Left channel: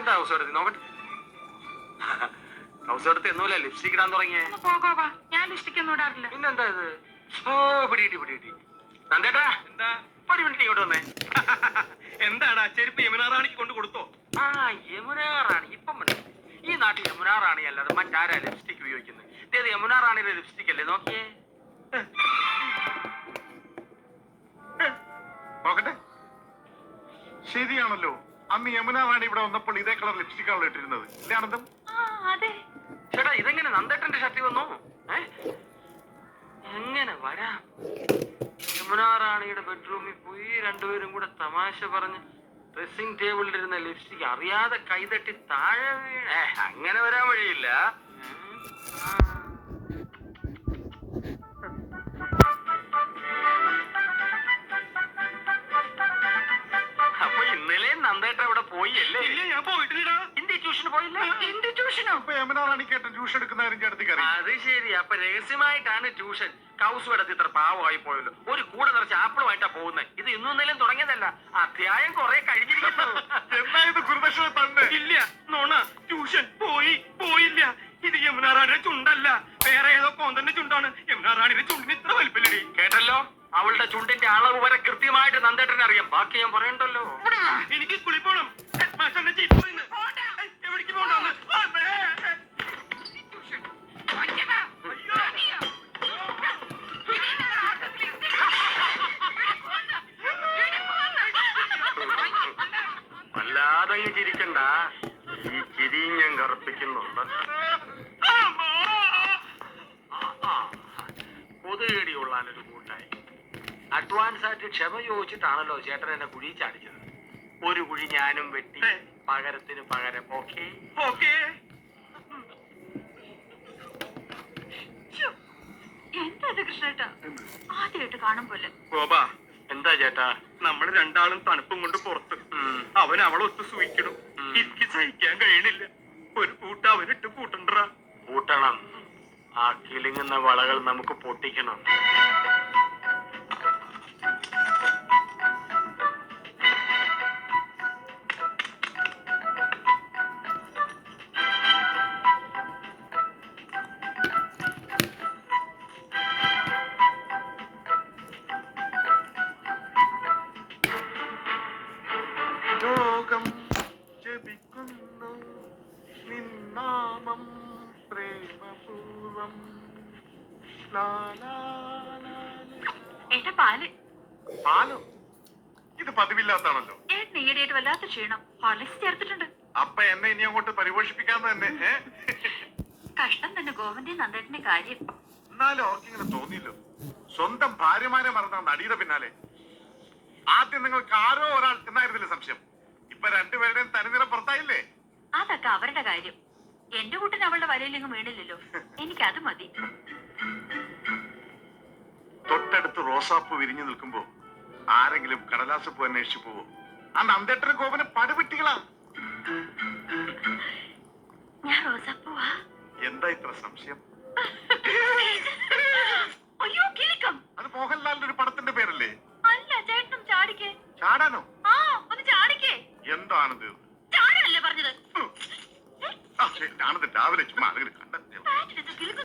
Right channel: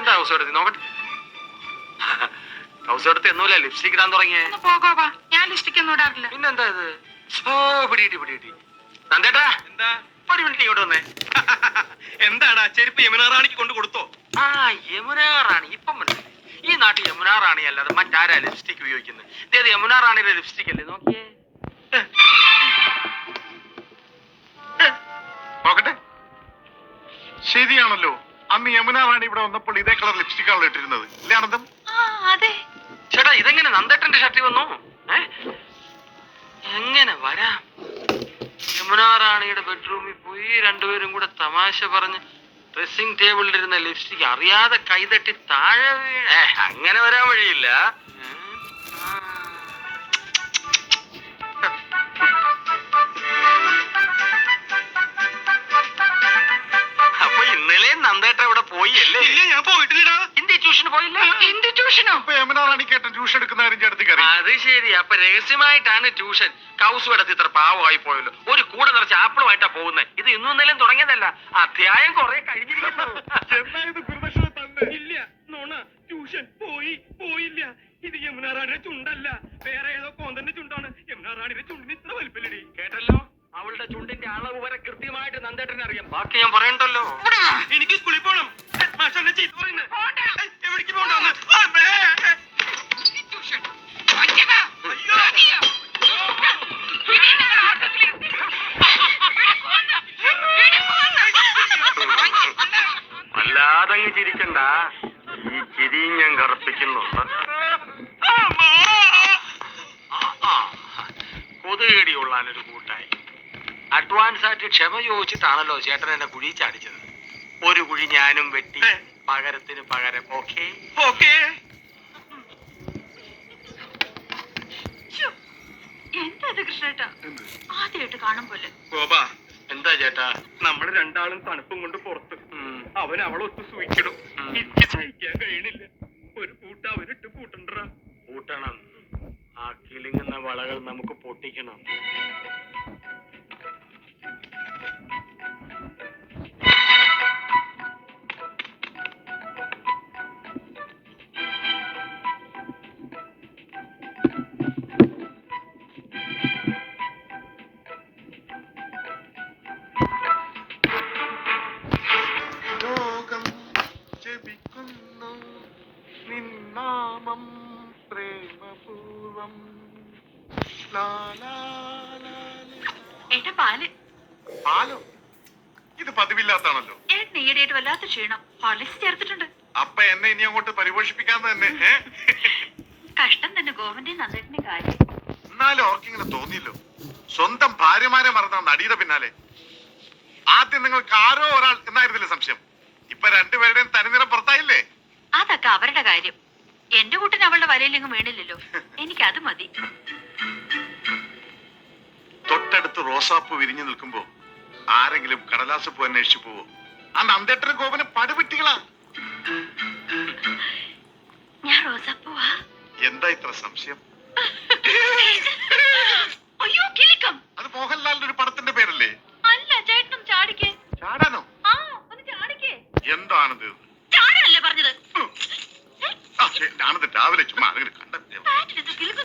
ഇതെന്താ ഹൗസ് എടുത്ത് നോക്കട്ടെ. ഹൗസ് എടുത്ത് എന്നൂല ലിപ്സ്റ്റിക് ഇടാൻ തുടങ്ങിയേ. പോകാവാ, ഞാൻ ലിപ്സ്റ്റിക് ഒന്നും ഇടാറില്ല. പിന്നെന്താ ഇത്? ഓ പിടികിട്ടി. നന്ദേട്ടാ, എന്താ? ഒരു മിനിറ്റ് ഇങ്ങോട്ട് വന്നേ. എന്താടാ ചെരുപ്പ് യമുന റാണിക്ക് കൊണ്ട് കൊടുത്തോ? ആ യമുന റാണി ഇപ്പം മനസ്സിലായി. ഈ നാട്ടിൽ യമുന റാണി അല്ലാതെ മറ്റാരാ ലിപ്സ്റ്റിക് ഉപയോഗിക്കുന്നത്? ഇതേത് യമുന റാണിയുടെ ലിപ്സ്റ്റിക് അല്ലേ? നോക്കിയേ. നോക്കട്ടെ, ശരിയാണല്ലോ. അന്ന് യമുന റാണി ഇവിടെ വന്നപ്പോൾ ഇതേ കളർ ലിപ്സ്റ്റിക് ആണല്ലോ ഇട്ടിരുന്നത്, അല്ലേ ആനന്ദം? അതെ ചേട്ടാ, ഇതെങ്ങനെ നന്ദേട്ടന്റെ ഷർട്ടിൽ വന്നു? എങ്ങനെ വരാം? യമുന റാണിയുടെ ബെഡ്റൂമിൽ പോയി രണ്ടുപേരും കൂടെ തമാശ പറഞ്ഞ് ഡ്രസ്സിംഗ് ടേബിളിൽ ഇരുന്ന ലിപ്സ്റ്റിക് അറിയാതെ കൈതട്ടി താഴെ വീണ. അങ്ങനെ വരാൻ വഴിയില്ല. അപ്പൊ ഇന്നലെ നന്ദേട്ട ഇവിടെ പോയി അല്ലേ? ഇല്ല, ഞാൻ പോയിട്ടില്ലടാ. ഹിന്ദി ട്യൂഷന് പോയില്ല? ഹിന്ദി ട്യൂഷനോ? അപ്പൊ യമുന റാണിക്കേട്ടൻ ട്യൂഷൻ എടുക്കുന്ന കാര്യം ചേട്ടത്തിക്ക് അറിയാം. അത് ശരി. അപ്പൊ രഹസ്യമായിട്ടാണ് ട്യൂഷൻ. കൗസു എടുത്ത് ഇത്ര പാവമായി പോയല്ലോ. ഒരു കൂടെ നിറച്ച് ആപ്പിളുമായിട്ടാ പോകുന്നത്. ഇത് ഇന്നും ഇന്നലെയും തുടങ്ങിയതല്ല, അധ്യായം കുറെ കഴിഞ്ഞിരിക്കുന്നു. എന്നായത് ഗുരുദക്ഷിണ തന്നെ? ഇല്ല, നോണ. ട്യൂഷൻ പോയില്ല. ഇത് യമുന റാണിയുടെ ചുണ്ടല്ല, വേറെ ഏതോ കോന്തന്റെ ചുണ്ടാണ്. യമുന റാണിയുടെ ചുണ്ടിന് ഇത്ര വലിപ്പല്ലേ? കേട്ടല്ലോ, അവളുടെ ചുണ്ടിന്റെ അളവ് വരെ കൃത്യമായിട്ട് നന്ദേട്ടനെ അറിയാം. ബാക്കി ഞാൻ പറയണ്ടല്ലോ. എനിക്ക് സ്കൂളിൽ പോണം. മാഷെന്നെ ചീത്ത പറയുന്നു. എവിടേക്ക് പോകണ്ടെന്ന്? അല്ലാതെ ചിരിക്കണ്ട. ഈ ചിരിയും ഞാൻ കറുപ്പിക്കുന്നുണ്ട്. കൊതുകേടി കൊള്ളാനൊരു കൂട്ടായി. അഡ്വാൻസ് ആയിട്ട് ക്ഷമ ചോദിച്ചിട്ടാണല്ലോ ചേട്ടൻ എന്നെ കുഴി ചാടിച്ചത്. ഒരു കുഴി ഞാനും വെട്ടി, പകരത്തിന് പകരം. ഓക്കേ? എന്താ ഇത് കൃഷ്ണേട്ടാ? ആദ്യമായിട്ട് കാണും പോലെ. ഗോപാ, എന്താ ചേട്ടാ? നമ്മള് രണ്ടാളും തണുപ്പും കൊണ്ട് പുറത്ത്. അവൻ അവളൊത്ത് സൂയിക്കണം. എനിക്ക് സഹിക്കാൻ കഴിയണില്ല. ഒരു പൂട്ട അവനിട്ട് പൂട്ടണ്ടറാ. കൂട്ടണം. ആ കിളിങ്ങുന്ന വളകൾ നമുക്ക് പൊട്ടിക്കണം. ലോകം ജപിക്കുന്നു നിന്നാമം പ്രേമപൂർവം. ഏട്ടാ പാല്. പാലോ? ഇത് പതിവില്ലാത്താണല്ലോ. ഏട്ടൻ ഈയിടെയായിട്ട് വല്ലാത്ത ക്ഷീണം. ഹോർലിക്സ് ചേർത്തിട്ടുണ്ട്. അപ്പൊ എന്നെ ഇനി അങ്ങോട്ട് പരിപോഷിപ്പിക്കാന്ന് തന്നെ. കഷ്ടം തന്നെ ഗോവന്റെ നന്ദേട്ടന്റെ കാര്യം. എന്നാലും അവർക്കിങ്ങനെ തോന്നിയല്ലോ. സ്വന്തം ഭാര്യമാരെ മറന്ന നടിയുടെ പിന്നാലെ. ആദ്യം നിങ്ങൾക്ക് ആരോ ഒരാൾ എന്നായിരുന്നില്ല സംശയം. ഇപ്പൊ രണ്ടുപേരുടെയും തനിനിറം പുറത്തായില്ലേ? അതൊക്കെ അവരുടെ കാര്യം. എന്റെ കൂട്ടിന് അവളുടെ വലയിലെങ്ങും വീണില്ലല്ലോ. എനിക്കത് മതി. തൊട്ടടുത്ത് റോസാപ്പൂ വിരിഞ്ഞു നിൽക്കുമ്പോ ആരെങ്കിലും കടലാസ് പൂ അന്വേഷിച്ചു പോവോ? ആ നന്ദേട്ടനും കോപന് പടുവിട്ടികളാ. ഞാൻ റോസാപ്പൂവാ. എന്താ ഇത്ര സംശയം? അയ്യോ കിളിക്കം. അത് മോഹൻലാലിന്റെ ഒരു പടത്തിന്റെ പേരല്ലേ? അല്ല, ചേട്ടനും ചാടിക്കേ. ചാടാനോ? ഒന്ന് ചാടിക്കേ. എന്താണിത്? ചാടാനല്ലേ പറഞ്ഞത്? ആനന്ദ് രാവിലെ ചുമ്മാ കണ്ട പാറ്റിലെന്താ കിലുക്കം?